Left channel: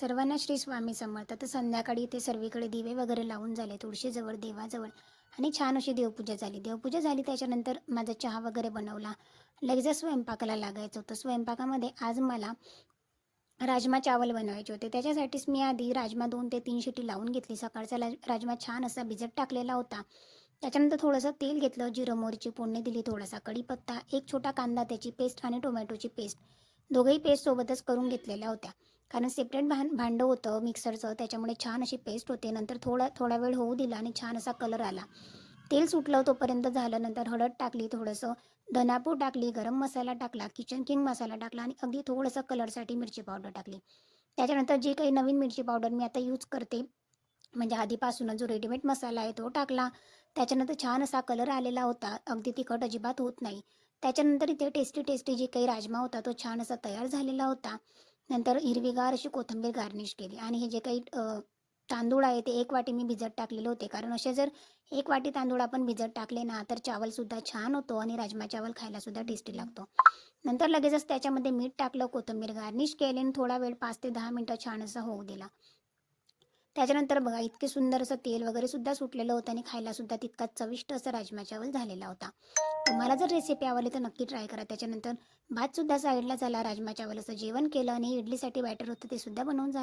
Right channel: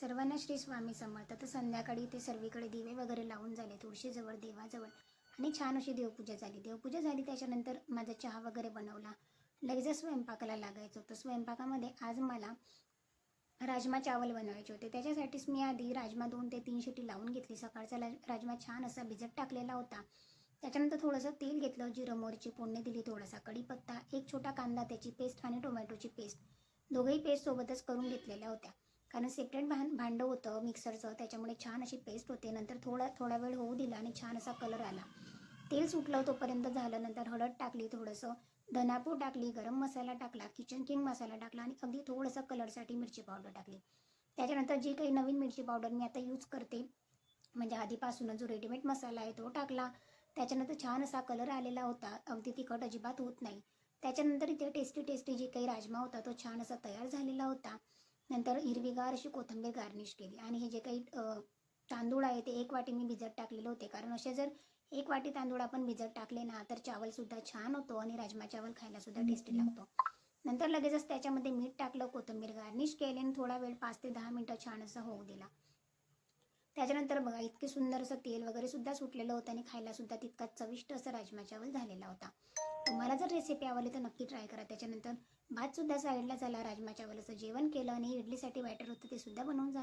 सर्वांना श्री स्वामी समर्थ. तर संध्याकाळी ते सर्वीकडे दिवे वगैरे लावून झाले, तुळशीजवळ, देवाजवळ आणि छान अशी देवपूजा झाली. देवपूजा झाली त्याच्यानंतर माझा चहा वगैरे बनवला. लगेचच स्वयंपाकाला लागायचं होतं. स्वयंपाकामध्ये आज मला राजमा चावल बनवायचे होते. त्याच्यासाठीच मी आधी राजमा 2 ते 3 शिटी लावून घेतली. सकाळचा राजमा छान असा भिजत टाकलेला होता. त्याच्यानंतर थोडंसं तेल घेतलं, जिरं मोहरीची फोडणी दिली, थोडासा कढीपत्ता, एक छोटा कांदा, त्याची पेस्ट आणि टोमॅटोची पेस्ट, दोघंही पेस्ट सोबतच करून घेतलेल्या होत्या. कारण सेपरेट भांडं होतं मिक्सरचं, त्याच्यामुळे छान अशी पेस्ट होते. नंतर थोडा वेळ होऊ दिला आणि छान असा कलर आला. तेल सुटलं तोपर्यंत झालं. नंतर हळद टाकली, थोडंसं धनापूड टाकली, गरम मसाला टाकला, किचन किंग मसाला टाकला आणि अगदी थोडंसं कलरसाठी मिरची पावडर टाकली. त्याच्यानंतर जी काही नवीन मिरची पावडर मी आता यूज करते, म्हणजे आधीपासूनच जो रेडीमेड मसाला आहे तो टाकला. त्याच्यानंतर छान असा कलर आलेला होता, अगदी तिखट अजिबात होत नाही. त्याच्यानंतर इथे टेस्टी जी काही राजमा होता तो छान असा तयार झालेला होता. नंतर हिरवीगार अशी कोथिंबीर गार्निश केली आणि हे जे काही तांदूळ आहे ते 1 वाटी मी भिजत टाकलेले होते. कारण असे जर 1 वाटी तांदूळ आपण भिजत टाकले ना तर चावलसुद्धा छान होतो आणि राजमा चावल खायलासुद्धा टेस्टी लागतो. नंतर लगेचच त्याच्यामध्ये मीठ टाकलं, कोथिंबीर गार्निश केली आणि थोडा वेळ 5 ते 10 मिनटं छान असं होऊ दिला. त्याच्यानंतर बघा इतके सुंदर असं तेल वगैरे सुद्धा सुटलेलं होतं आणि खायलासुद्धा तितकाच चविष्ट असं राजमा चावल झालेला होता. तुम्हाला जर रेसिपी आवडली तर नक्की ट्राय करा. त्याच्यानंतर भातसुद्धा साईडला झाला, राजमा चावल असं जेवण केलं आणि इडलीसाठी बॅटर होतं ते सुद्धा बनवून झालं.